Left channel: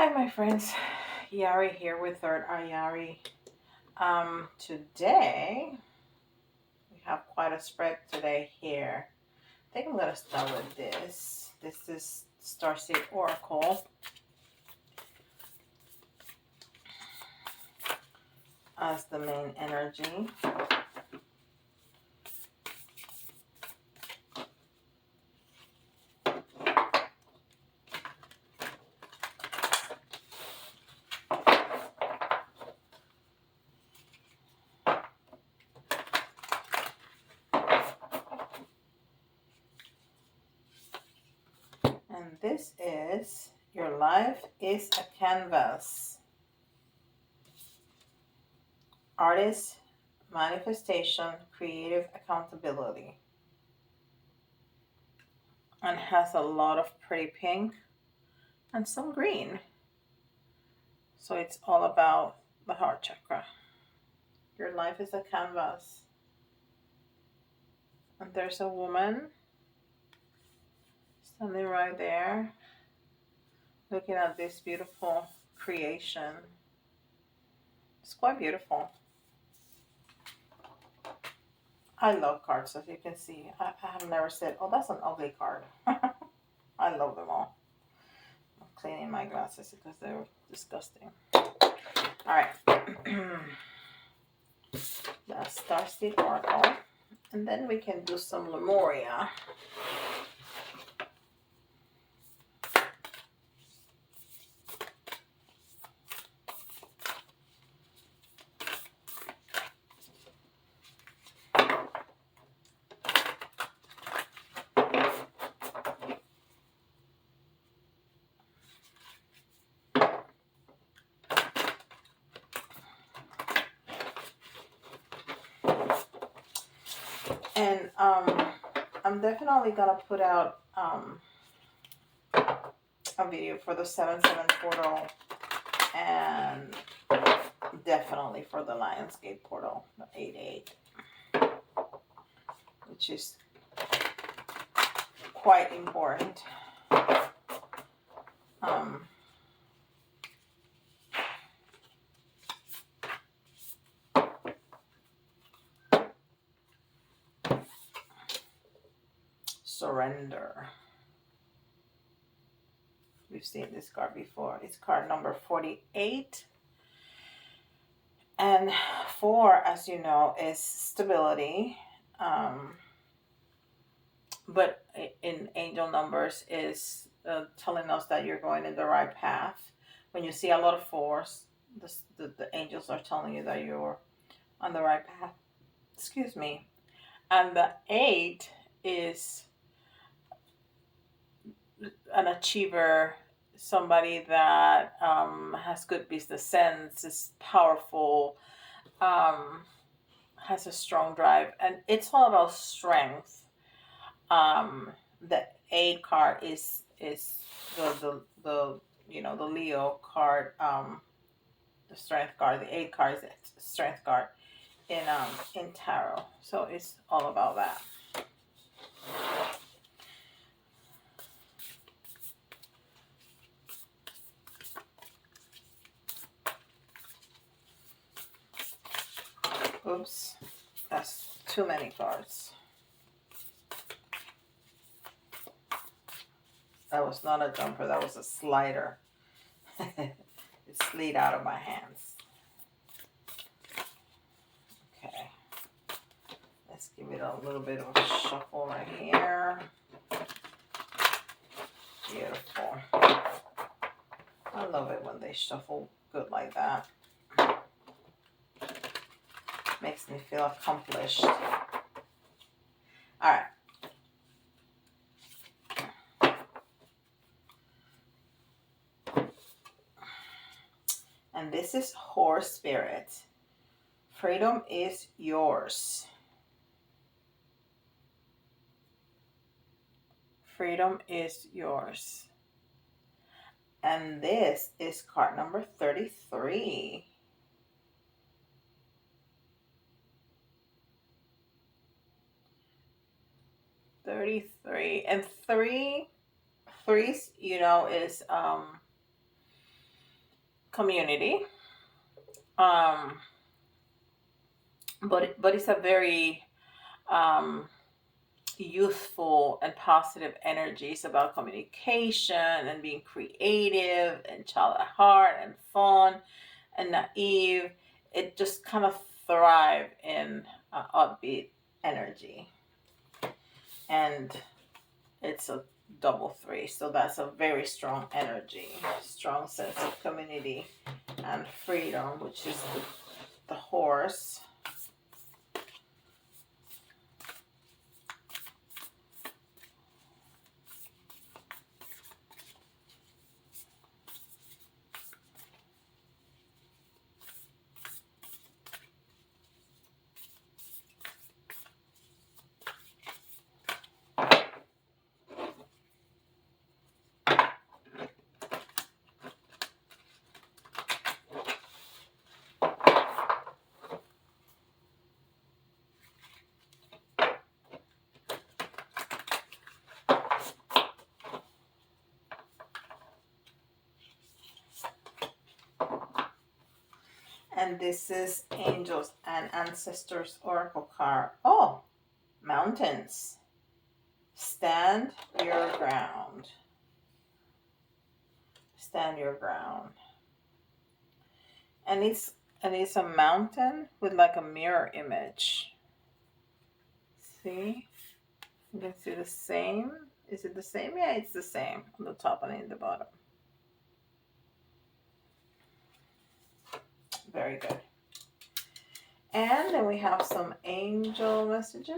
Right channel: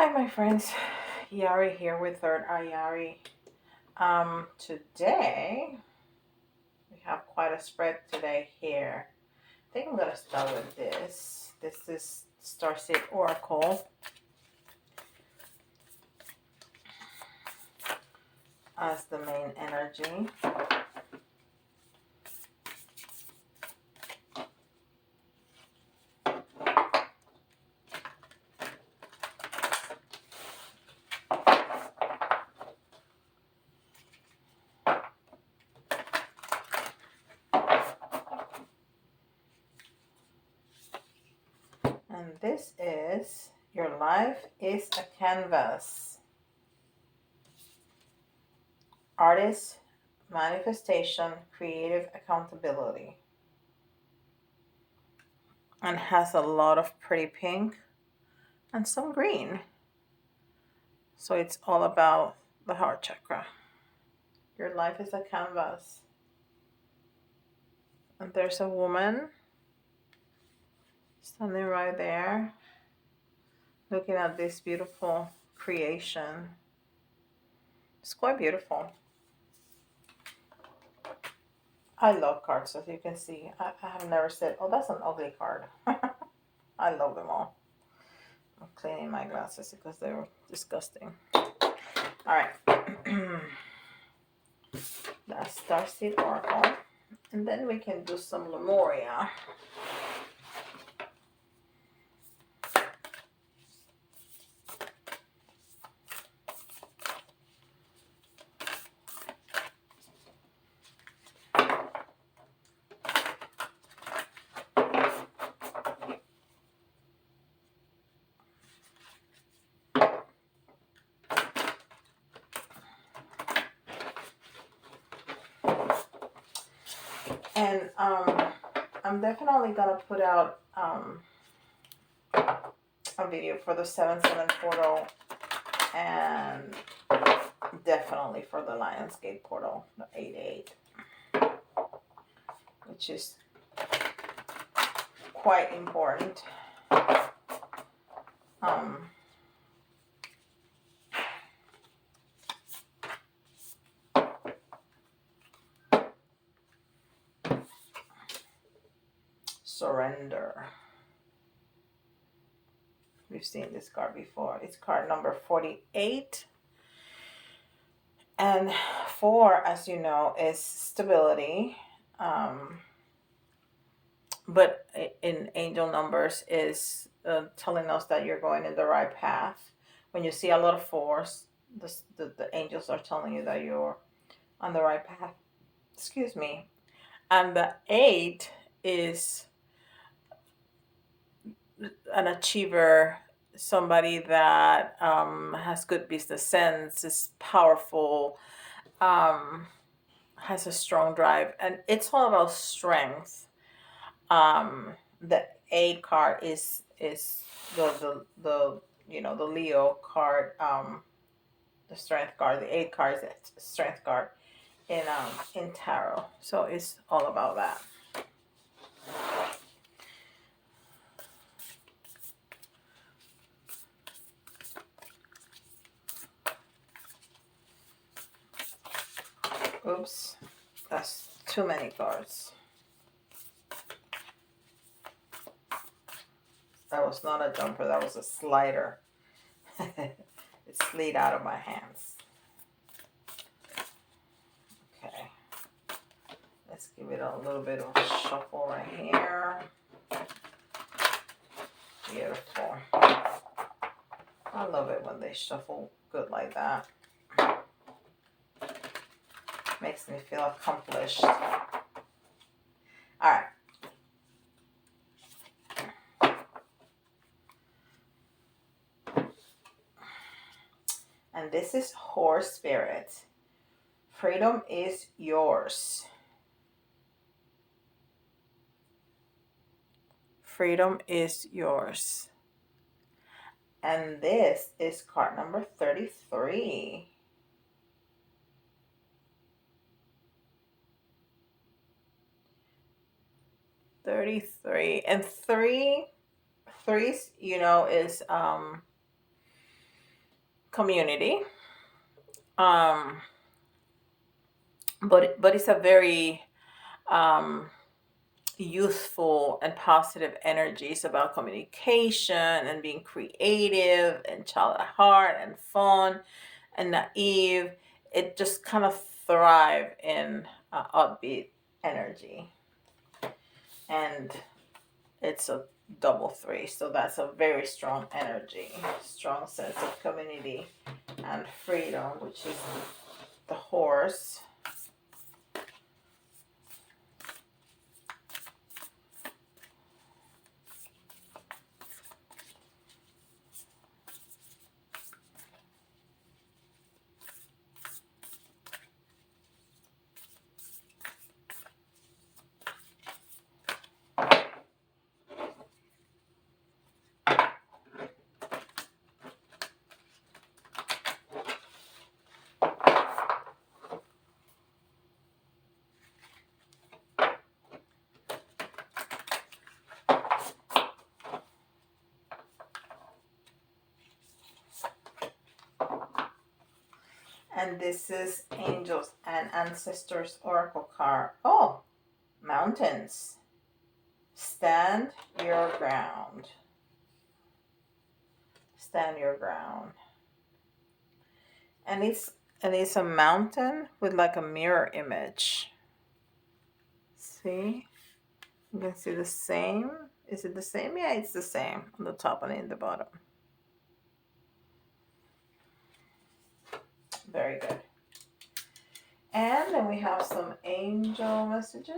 Hi, my friends. Yari here with Third Eye Yari. Today we have quite a spread today here. I think I'm gonna start with this. This is Starseed Oracle as the main energy. And this is your life is a canvas. Artist, manifestation, creative accountability. And has a lot of pretty pink and some green. So it's all about the heart chakra. Your life is a canvas. And there's a woman standing right there looking at this beautiful creation. It's quite beautiful. I love cards, as you can see. I have never said, oh, that's an ugly card. I love them all. I'm cleaning my glasses because they're disgusting. All right. That's Starseed Oracle. And then we can do some Lemuria. And I'm definitely gonna put out a video for the 7/7 portal and definitely for the Lionsgate portal, the 8/8, which is quite important. Surrender. We've seen this card before. It's card number 48. And 4, as you know, is stability. But in angel numbers is telling us that you're going in the right path. When you see a lot of 4s, the angels are telling you that you're on the right path. Excuse me. And the 8 is an achiever, somebody that has good business sense, is powerful, has a strong drive, and it's all about strength. The 8 card is the the Leo card, the strength card. The 8 card is the strength card in tarot. So it's all about that. Oops, that's too many cards. That was not a jumper, that was a slider. It slid out of my hands. Okay. Let's give it a little bit of a shuffle right here. Beautiful. I love it when they shuffle good like that. Makes me feel accomplished. All right. And this is Horse Spirit. Freedom is yours. Freedom is yours. And this is card number 33. And threes, you know, is community. Um, but it's a very um, youthful and positive energy. It's about communication and being creative and child at heart and fun and naive. It just kind of thrive in upbeat energy, and it's a double three, so that's a very strong energy, strong sense of community and freedom, which is the horse. And this is Angels and Ancestors Oracle card. Oh, mountains. Stand your ground. Stand your ground. And it's a mountain with like a mirror image. See? You can see the same. Is it the same? Yeah, it's the same on the top and in the bottom. Very good. And then we have some angel messages.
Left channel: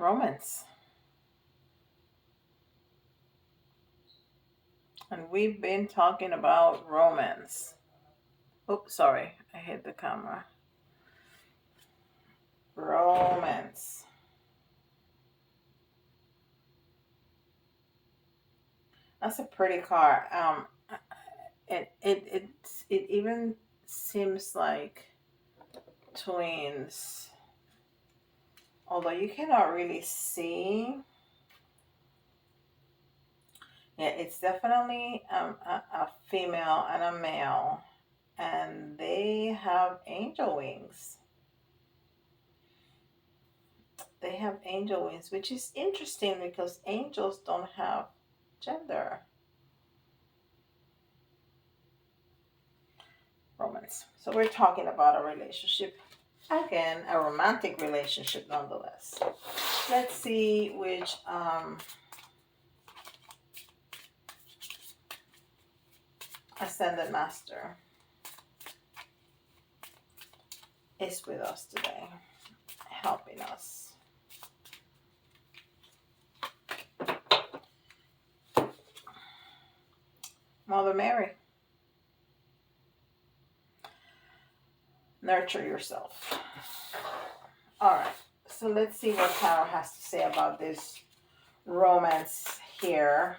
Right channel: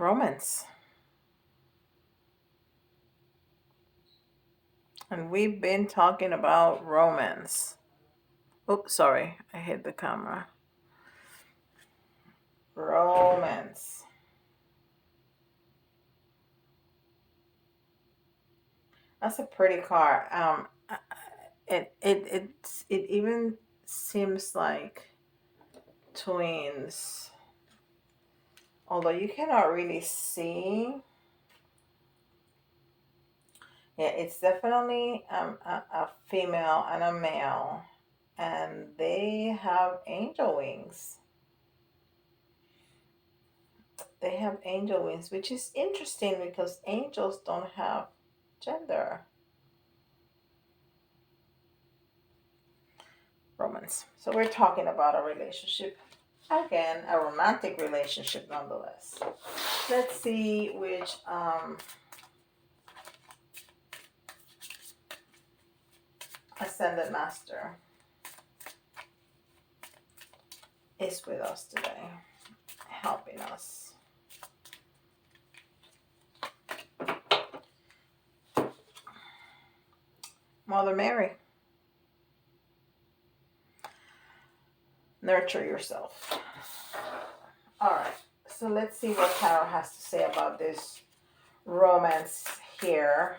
Romance. And we've been talking about romance. Oops, sorry, I hit the camera. Romance. That's a pretty card. It even seems like twins, although you cannot really see. Yeah, it's definitely a female and a male, and they have angel wings. They have angel wings, which is interesting because angels don't have gender. Romance. So we're talking about a relationship. Again, a romantic relationship nonetheless. Let's see which Ascended Master is with us today, helping us. Mother Mary. Nurture yourself. All right. So let's see what Tarot has to say about this romance here.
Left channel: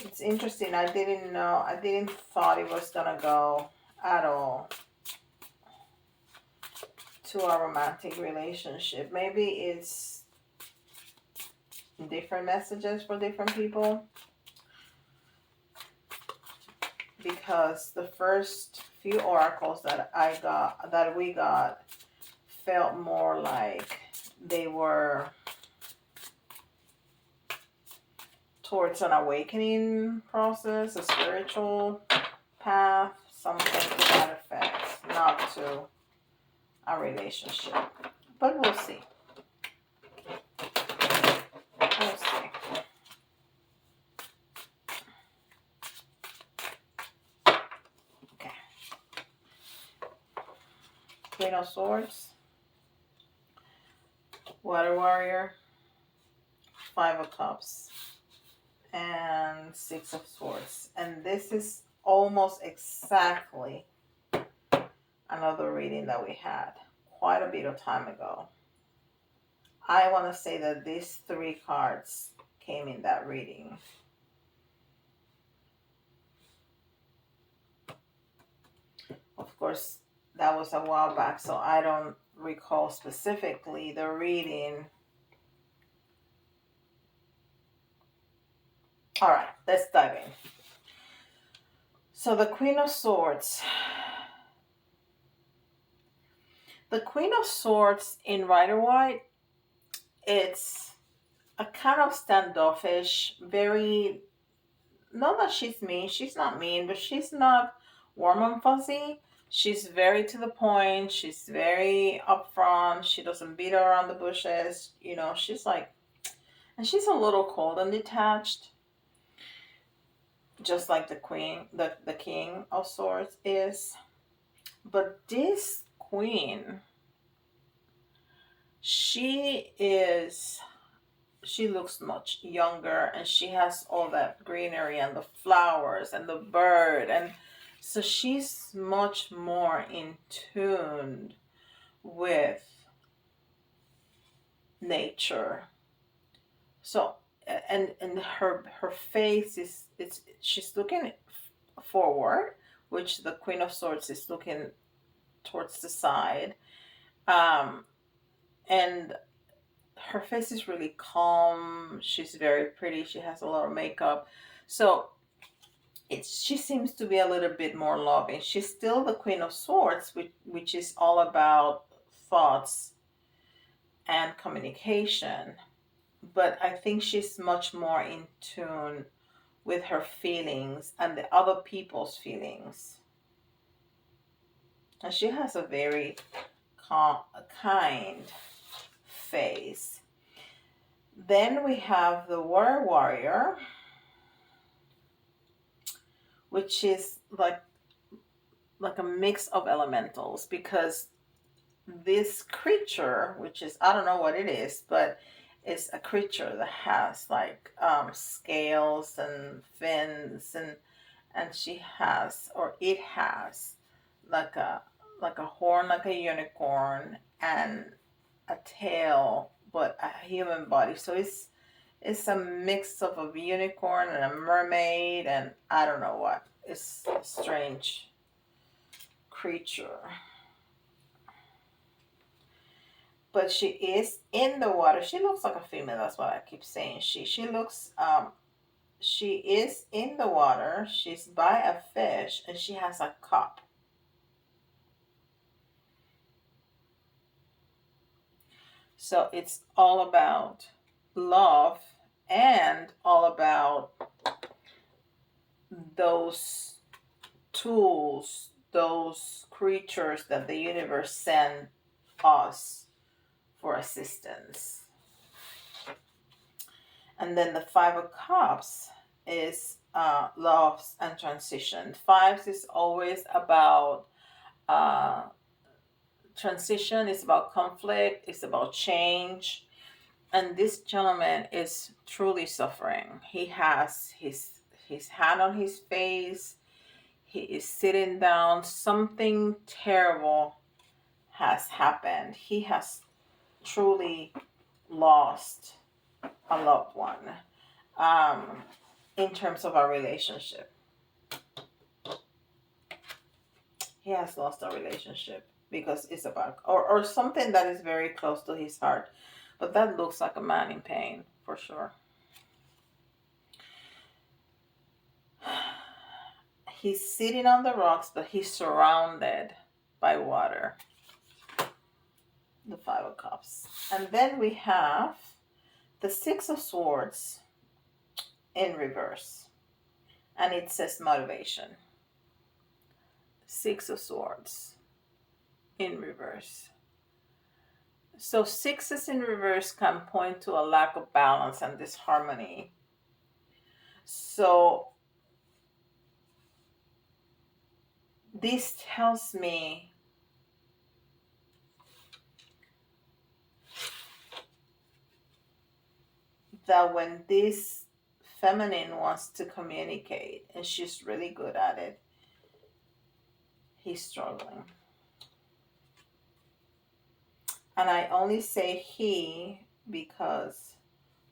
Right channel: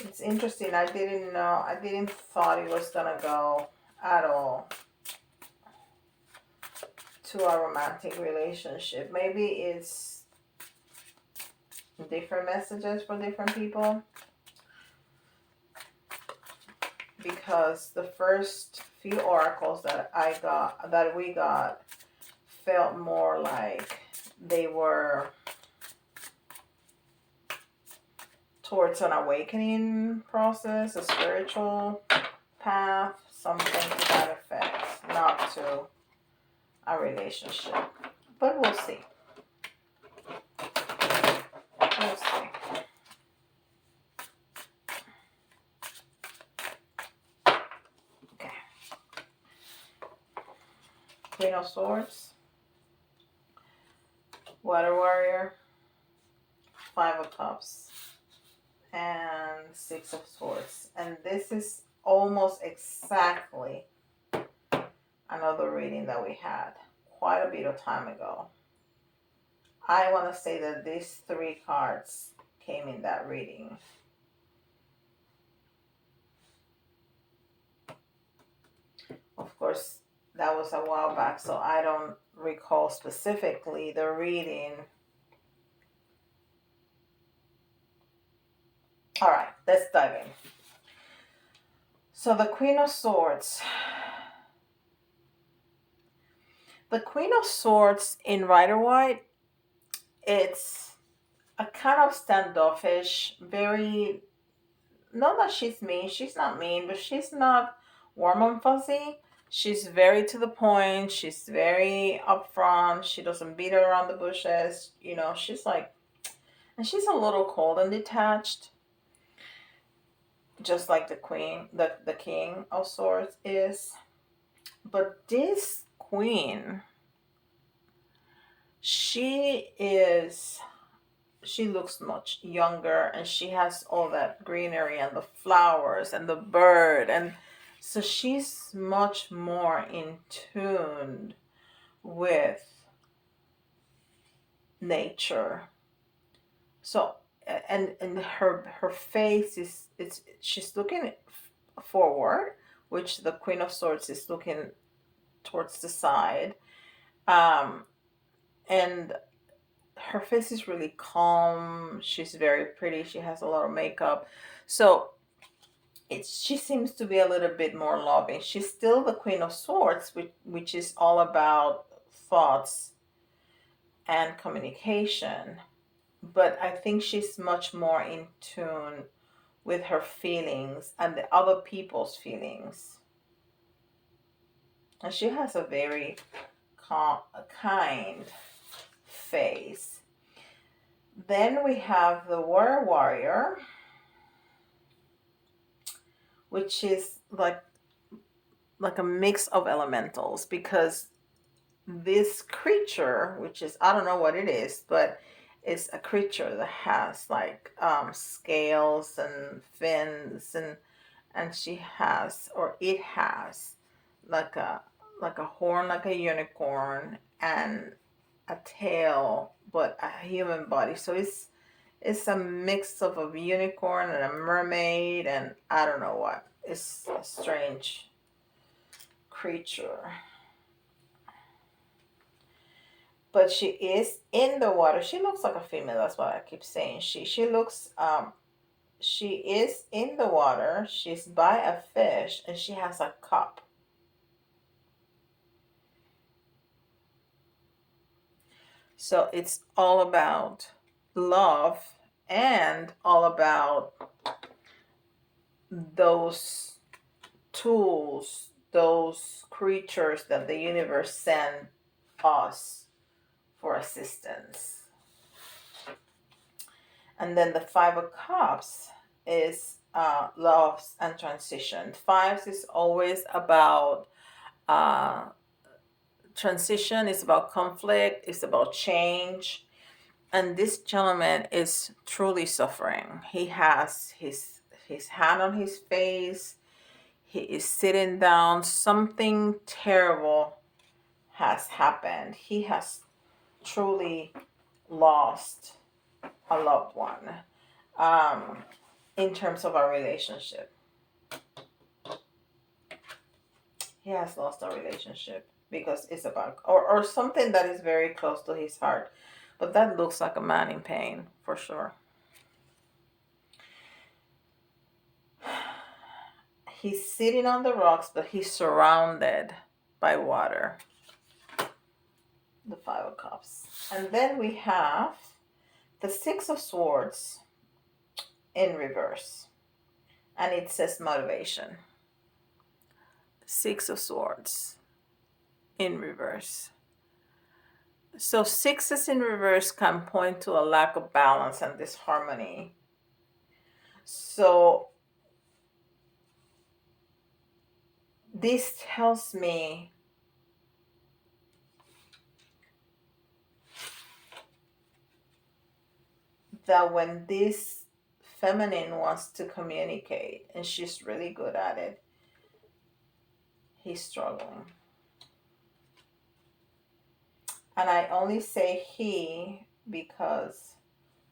It's interesting. I didn't thought it was gonna go at all to a romantic relationship. Maybe it's different messages for different people, because the first few oracles that we got felt more like they were towards an awakening process, a spiritual path, something to that effect, not to a relationship. But we'll see. We'll see. Okay. Queen of Swords, Water Warrior, Five of Cups, and Six of Swords. And this is almost exactly another reading that we had quite a bit of time ago. I want to say that these three cards came in that reading. Of course, that was a while back, so I don't recall specifically the reading. All right, let's dive in. So the Queen of Swords. The Queen of Swords in Rider White, it's a kind of standoffish, very, not that she's not mean, but she's not warm and fuzzy. She's very to the point, she's very upfront, she doesn't beat around the bushes, she's like, and she's a little cold and detached, just like the King of Swords is. But this queen, she is she looks much younger, and she has all that greenery and the flowers and the bird, and so she's much more in tune with nature. So and her face is, it's she's looking forward, which the Queen of Swords is looking towards the side. And her face is really calm. She's very pretty. She has a lot of makeup. So she seems to be a little bit more loving. She's still the Queen of Swords, which is all about thoughts and communication. But I think she's much more in tune with her feelings and the other people's feelings. And she has a very kind face. Then we have the Warrior, which is like a mix of elementals, because this creature, which is, I don't know what it is, but it's a creature that has like scales and fins, and she has, or it has, like a horn like a unicorn, and a tail but a human body. So it's a mix of a unicorn and a mermaid, and I don't know what. It's a strange creature. But she is in the water. She looks like a female. That's what I keep saying. She looks she is in the water. She's by a fish, and she has a cup. So it's all about love, and all about those tools, those creatures that the universe sent us for assistance. And then the Five of Cups is loves and transition. Fives is always about uh, transition, it's about conflict, it's about change. And this gentleman is truly suffering. He has his hand on his face. He is sitting down. Something terrible has happened. He has truly lost a loved one, in terms of our relationship. He has lost a relationship because it's about, or something that is very close to his heart. But that looks like a man in pain, for sure. He's sitting on the rocks, but he's surrounded by water. The Five of Cups. And then we have the Six of Swords in reverse. And it says motivation. Six of Swords in reverse. So sixes in reverse can point to a lack of balance and disharmony. So this tells me that when this feminine wants to communicate, and she's really good at it. He's struggling. And I only say he because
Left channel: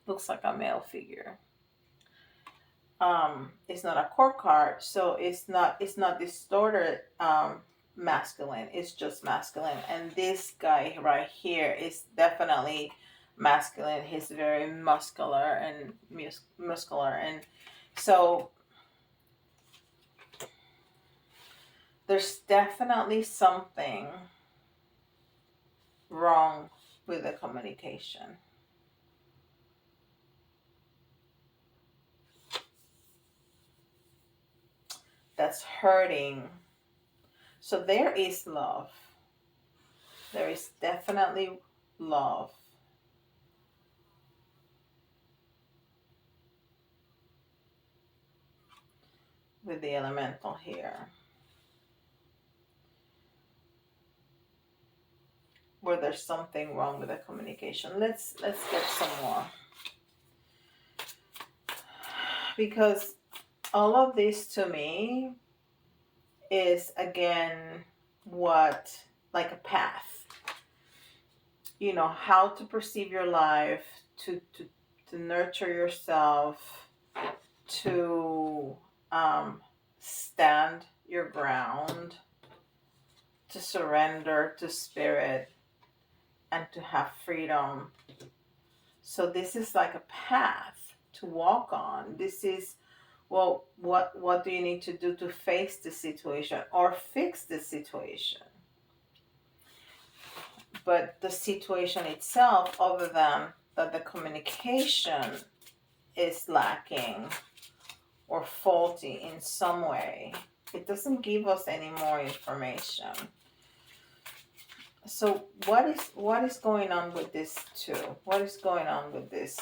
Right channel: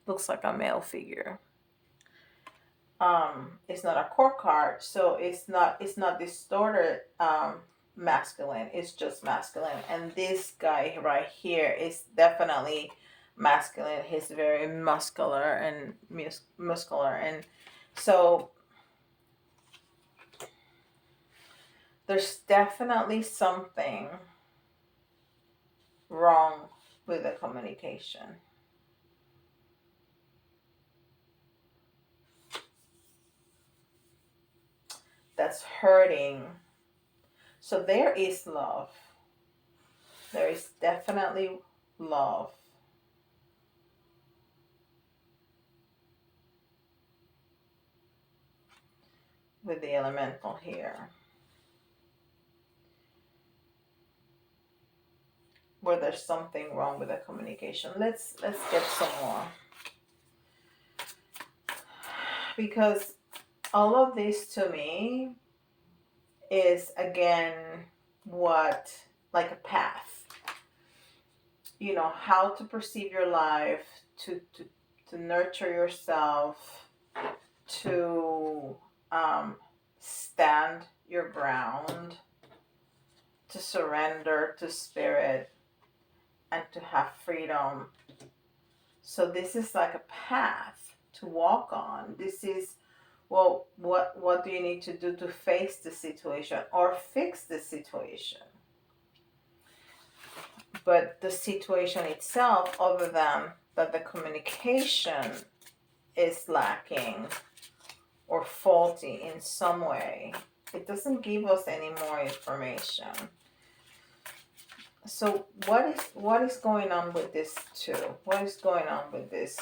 looks like a male figure. It's not a court card, so it's not distorted masculine. It's just masculine. And this guy right here is definitely masculine. He's very muscular and muscular, and so there's definitely something wrong with the communication. That's hurting. So there is love. There is definitely love. With the elemental here. Where there's something wrong with the communication. Let's get some more. Because all of this to me is again what, like a path. You know, how to perceive your life, to nurture yourself, to stand your ground, to surrender to spirit, and to have freedom. So this is like a path to walk on. This is, well, what do you need to do to face the situation or fix the situation? But the situation itself, other than that the communication is lacking or faulty in some way, it doesn't give us any more information. So what is going on with this too? What is going on with this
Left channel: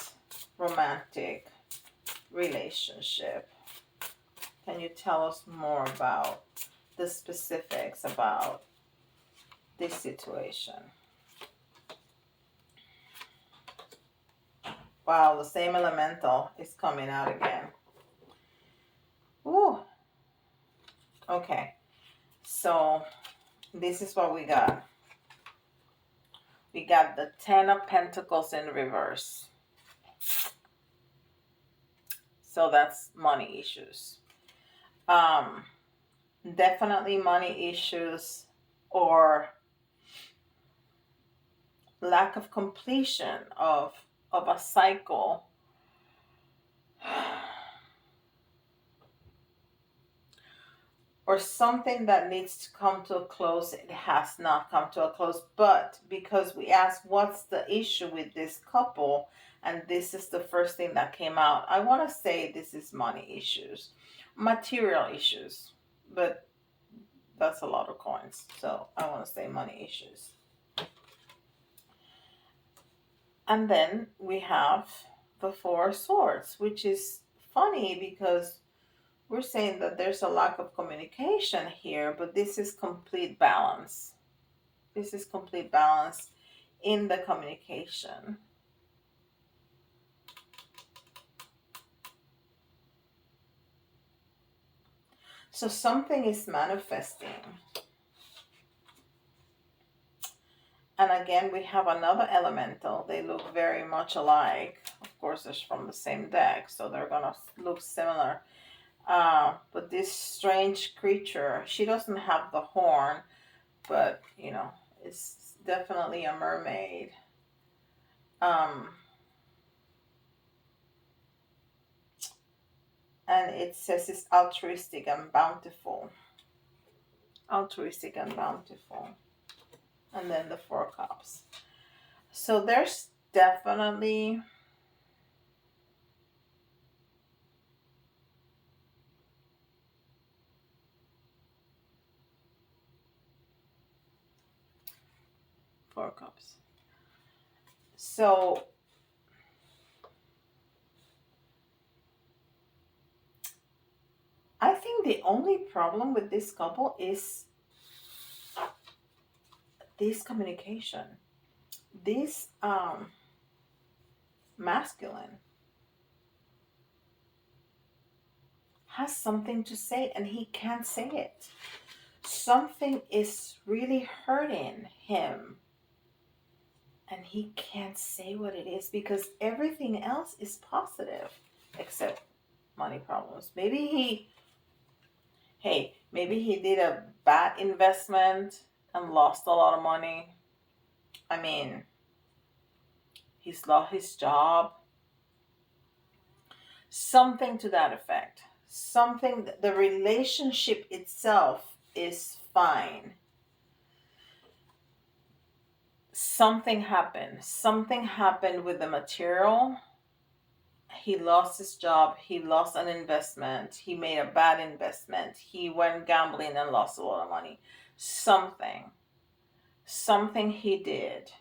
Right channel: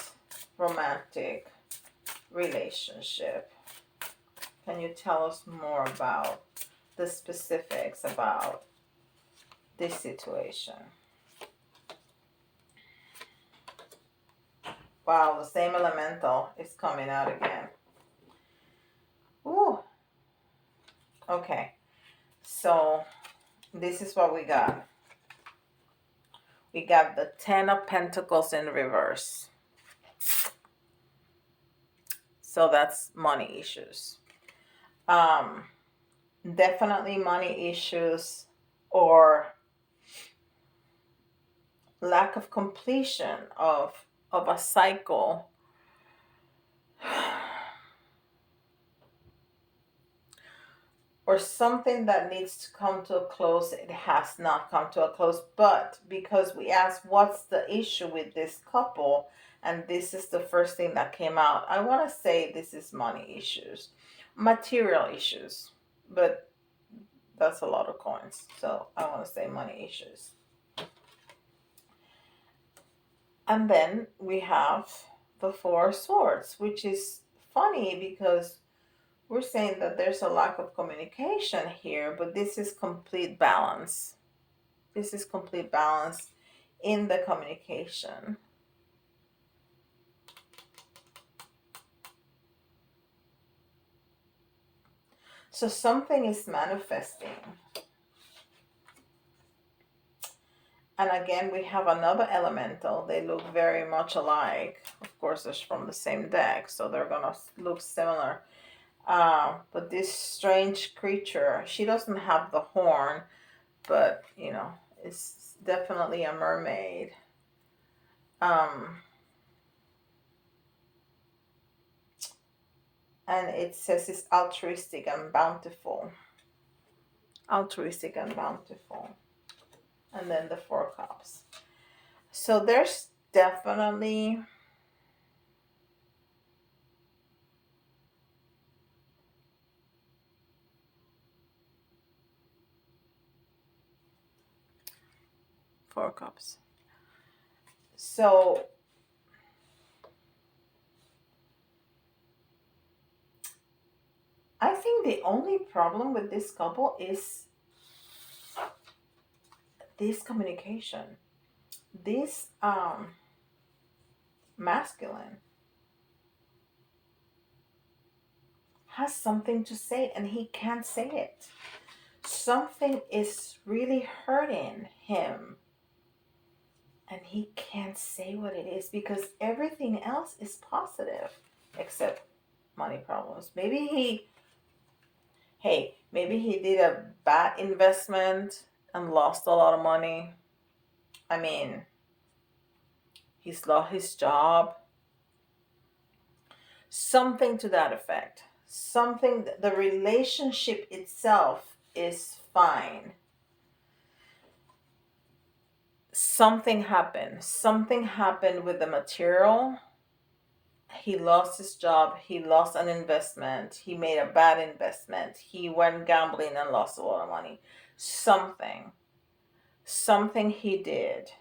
romantic relationship? Can you tell us more about the specifics about this situation? Wow, the same elemental is coming out again. Ooh. Okay. So this is what we got. We got the 10 of Pentacles in reverse. So that's money issues. Definitely money issues or lack of completion of a cycle. Or something that needs to come to a close, it has not come to a close. But because we asked what's the issue with this couple, and this is the first thing that came out, I want to say this is money issues, material issues, but that's a lot of coins, so I want to say money issues. And then we have the Four of Swords, which is funny because we're saying that there's a lack of communication here, but this is complete balance. This is complete balance in the communication. So something is manifesting. And again, we have another elemental. They look very much alike. Of course, they're from the same deck, so they're going to look similar. But this strange creature, she doesn't have the horn, but, you know, it's definitely a mermaid. And it says it's altruistic and bountiful. Altruistic and bountiful. And then the Four Cups. So there's definitely Four Cups. So I think the only problem with this couple is this communication. This masculine. has something to say and he can't say it. Something is really hurting him and he can't say what it is because everything else is positive except money problems. Maybe he did a bad investment and lost a lot of money. I mean, he's lost his job. Something to that effect. Something, the relationship itself is fine. Something happened. Something happened with the material. He lost his job. He lost an investment. He made a bad investment. He went gambling and lost a lot of money. Something he did,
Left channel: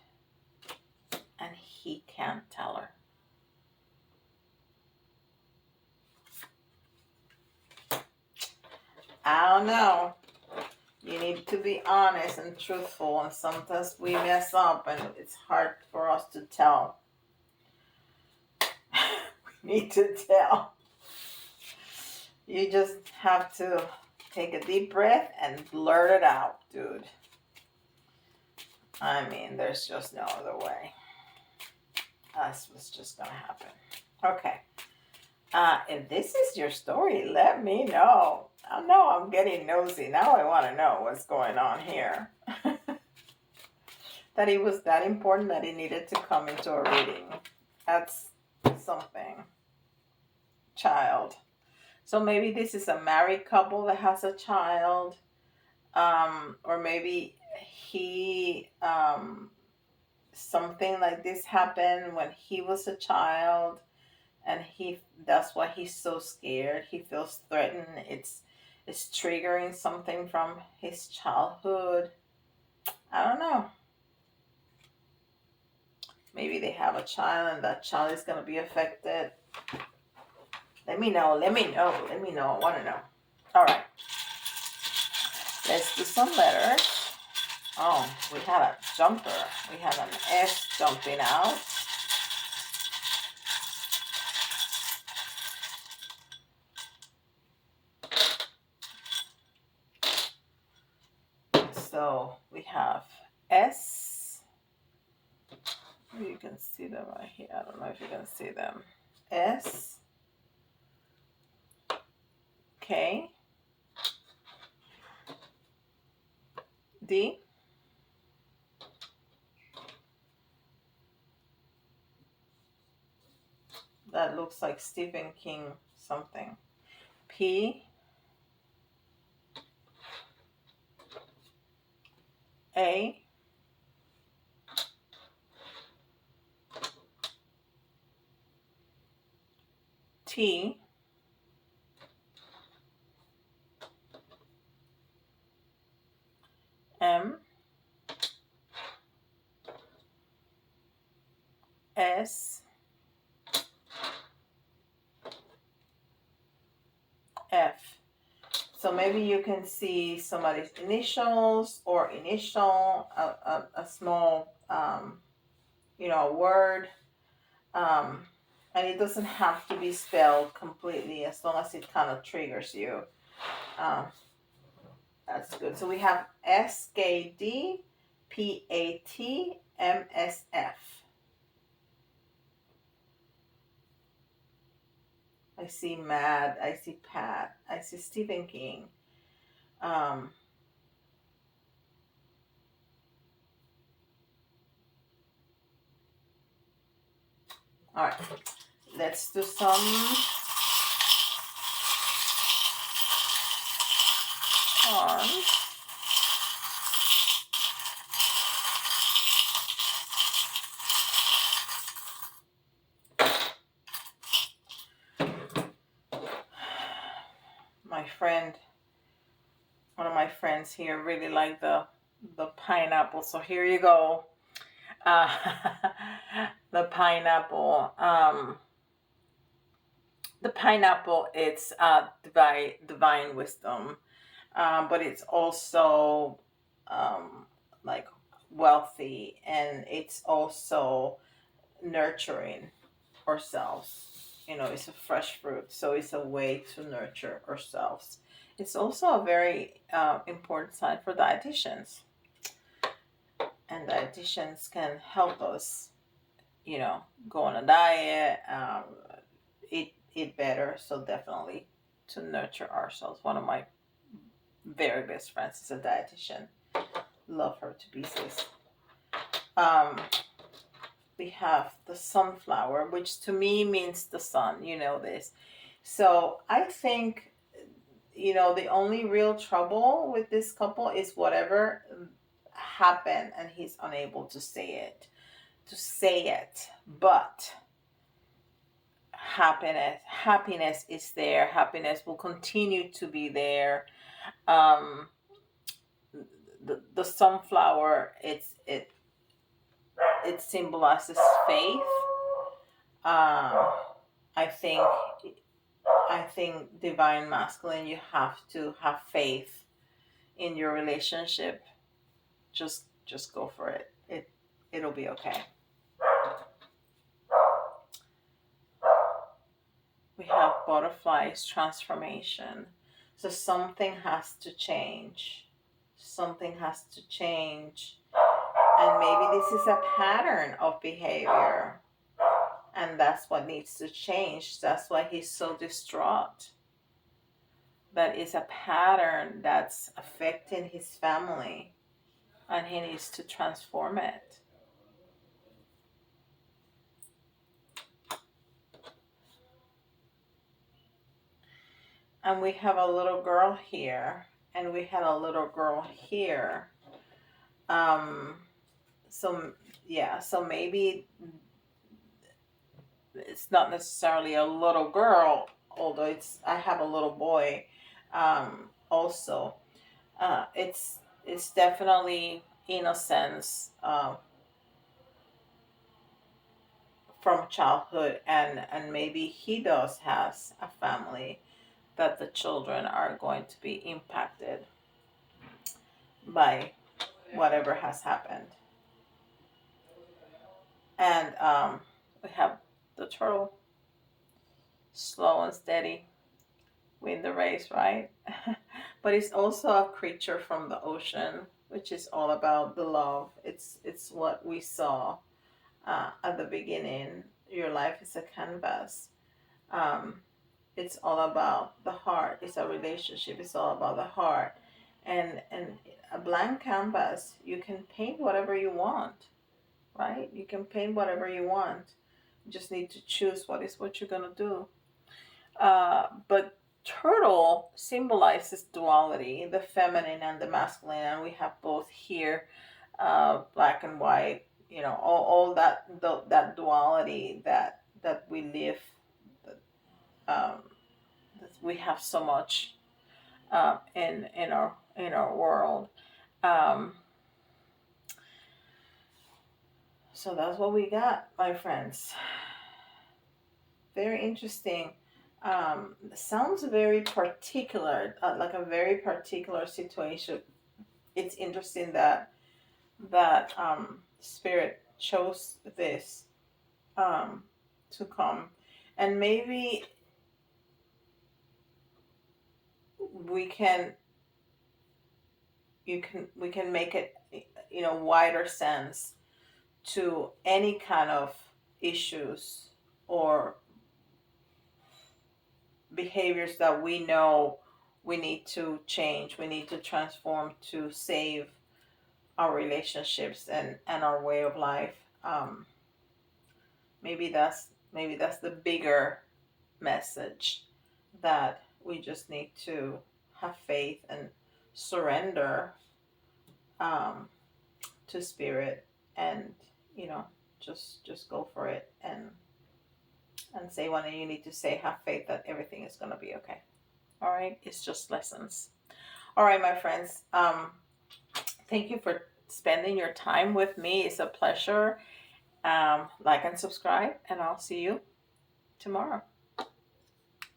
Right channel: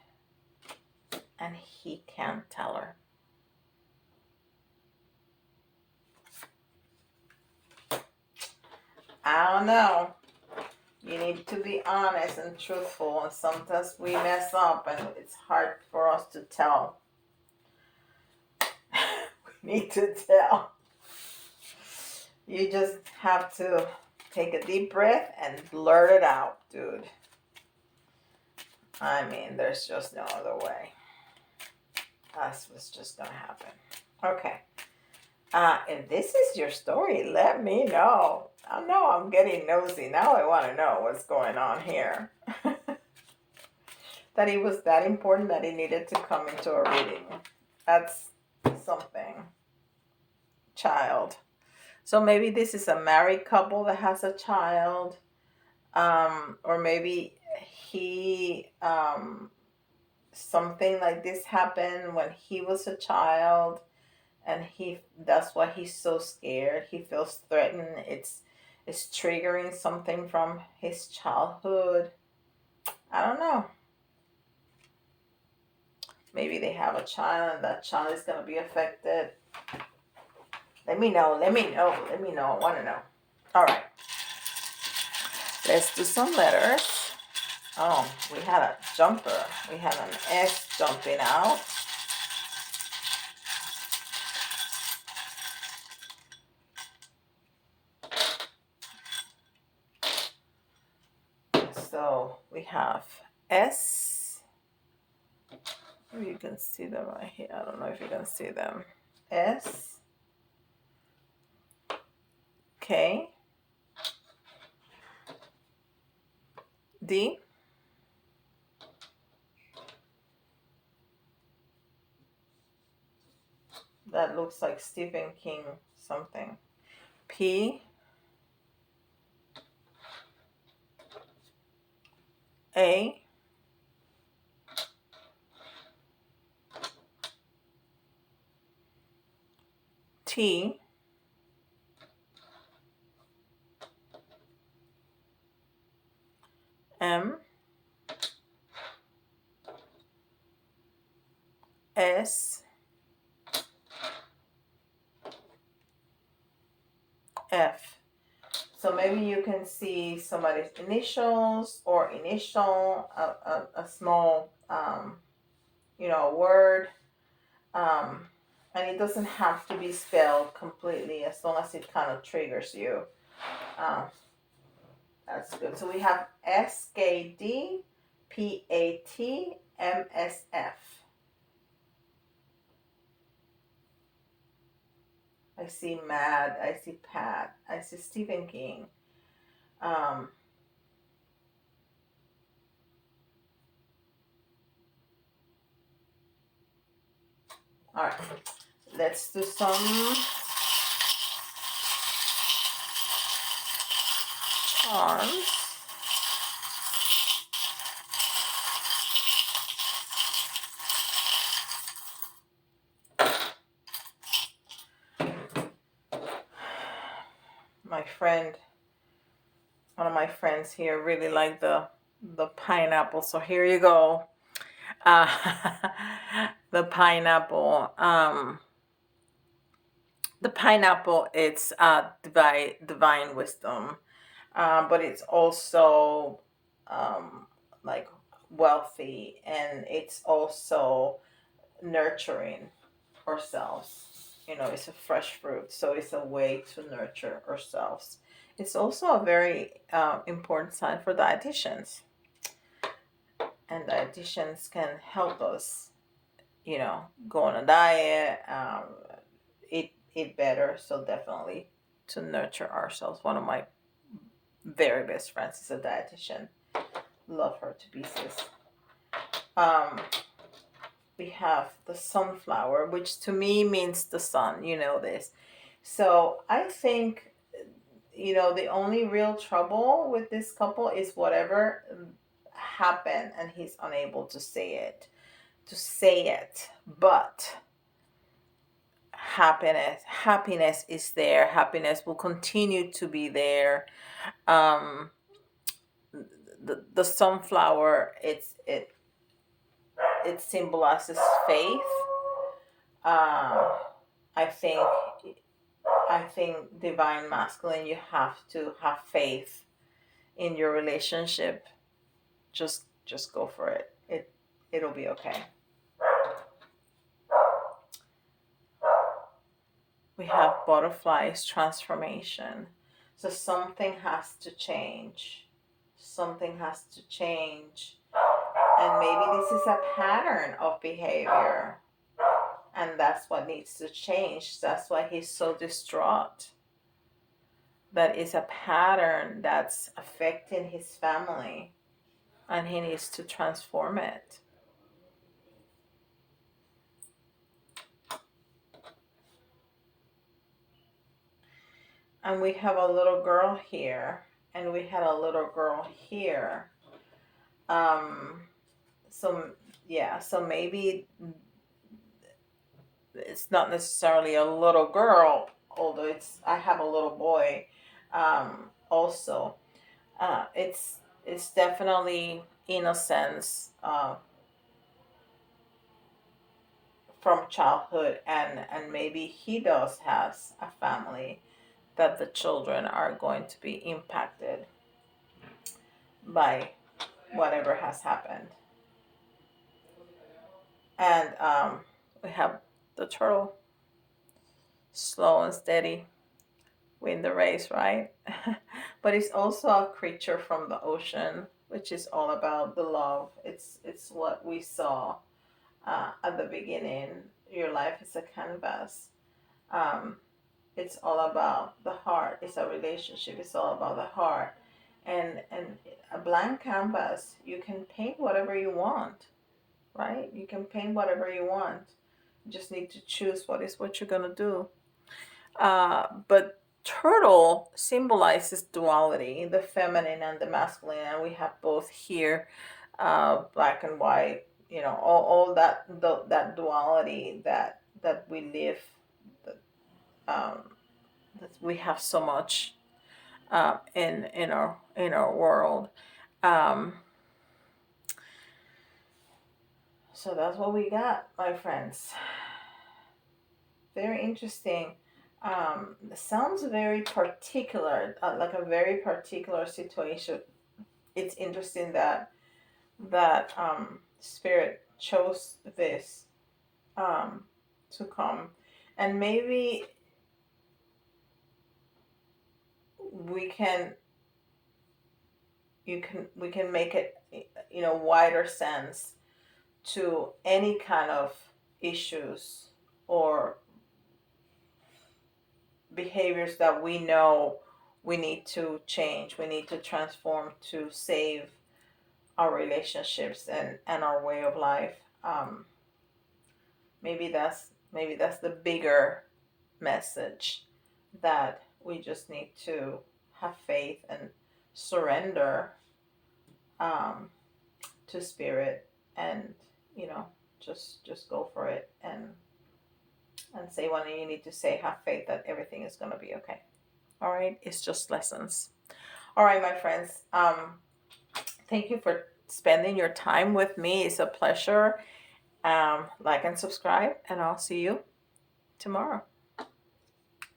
and he can't tell her. I don't know. You need to be honest and truthful, and sometimes we mess up, and it's hard for us to tell. We need to tell. You just have to take a deep breath and blurt it out, dude. I mean, there's just no other way. That's what's just gonna happen. Okay. If this is your story, let me know. I know I'm getting nosy. Now I want to know what's going on here. That he was that important that he needed to come into a reading. That's something. Child. So maybe this is a married couple that has a child. Or maybe he, something like this happened when he was a child. And that's why he's so scared. He feels threatened. It's triggering something from his childhood. I don't know. Maybe they have a child and that child is going to be affected. Let me know. I want to know. All right. Let's do some letters. Oh, we had a jumper. We had an S jumping out. So we have S. Oh, you can see them right here. I don't know if you can see them. S. K. D. That looks like Stephen King something. P. A. T. M. S. F. So maybe you can see somebody's initials or initial, a small, word. And it doesn't have to be spelled completely as long as it kind of triggers you. That's good. So we have SKD, PAT, MSF. I see Mad, I see Pat, I see Stephen King. All right, let's do some arms. One of my friends here really like the pineapple. So here you go. The pineapple. The pineapple, it's divine wisdom, but it's also like wealthy, and it's also nurturing ourselves. it's a fresh fruit, so it's a way to nurture ourselves. It's also a very important sign for dietitians, and dietitians can help us, go on a diet, eat better. So definitely to nurture ourselves. One of my very best friends is a dietitian. Love her to pieces. Um, we have the sunflower, which to me means the sun. You know this. So I think, the only real trouble with this couple is whatever happened and he's unable to say it. But happiness is there. Happiness will continue to be there. um the sunflower, it symbolizes faith. um i think I think divine masculine, you have to have faith in your relationship. Just go for it. It'll be okay. We have butterflies, transformation. So something has to change. Something has to change. And maybe this is a pattern of behavior. And that's what needs to change. That's why he's so distraught. That is a pattern that's affecting his family. And he needs to transform it. And we have a little girl here. And we had a little girl here. Um, so, yeah, so maybe it's not necessarily a little girl, although I have a little boy, also. It's definitely innocence, from childhood, and maybe he does has a family that the children are going to be impacted by whatever has happened. And we have the turtle, slow and steady, win the race, right? But it's also a creature from the ocean, which is all about the love. It's what we saw at the beginning. Your life is a canvas. Um, it's all about the heart. It's a relationship. It's all about the heart. And a blank canvas, you can paint whatever you want, right? You can paint whatever you want. You just need to choose what you're gonna do. But turtle symbolizes duality, the feminine and the masculine, and we have both here, black and white. All that duality that we live. Um, that we have so much in our world. Um, so that's what we got, my friends. Very interesting. Sounds very particular, like a very particular situation. It's interesting that spirit chose this um, to come, and maybe we can we can make it, wider sense to any kind of issues or behaviors that we know we need to change, we need to transform to save our relationships and our way of life. Maybe that's the bigger message, that we just need to have faith and surrender, um, to spirit, and just go for it, and say what you need to say. Have faith that everything is going to be okay. All right, it's just lessons. All right, my friends. Thank you for spending your time with me. It's a pleasure. Like and subscribe, and I'll see you tomorrow.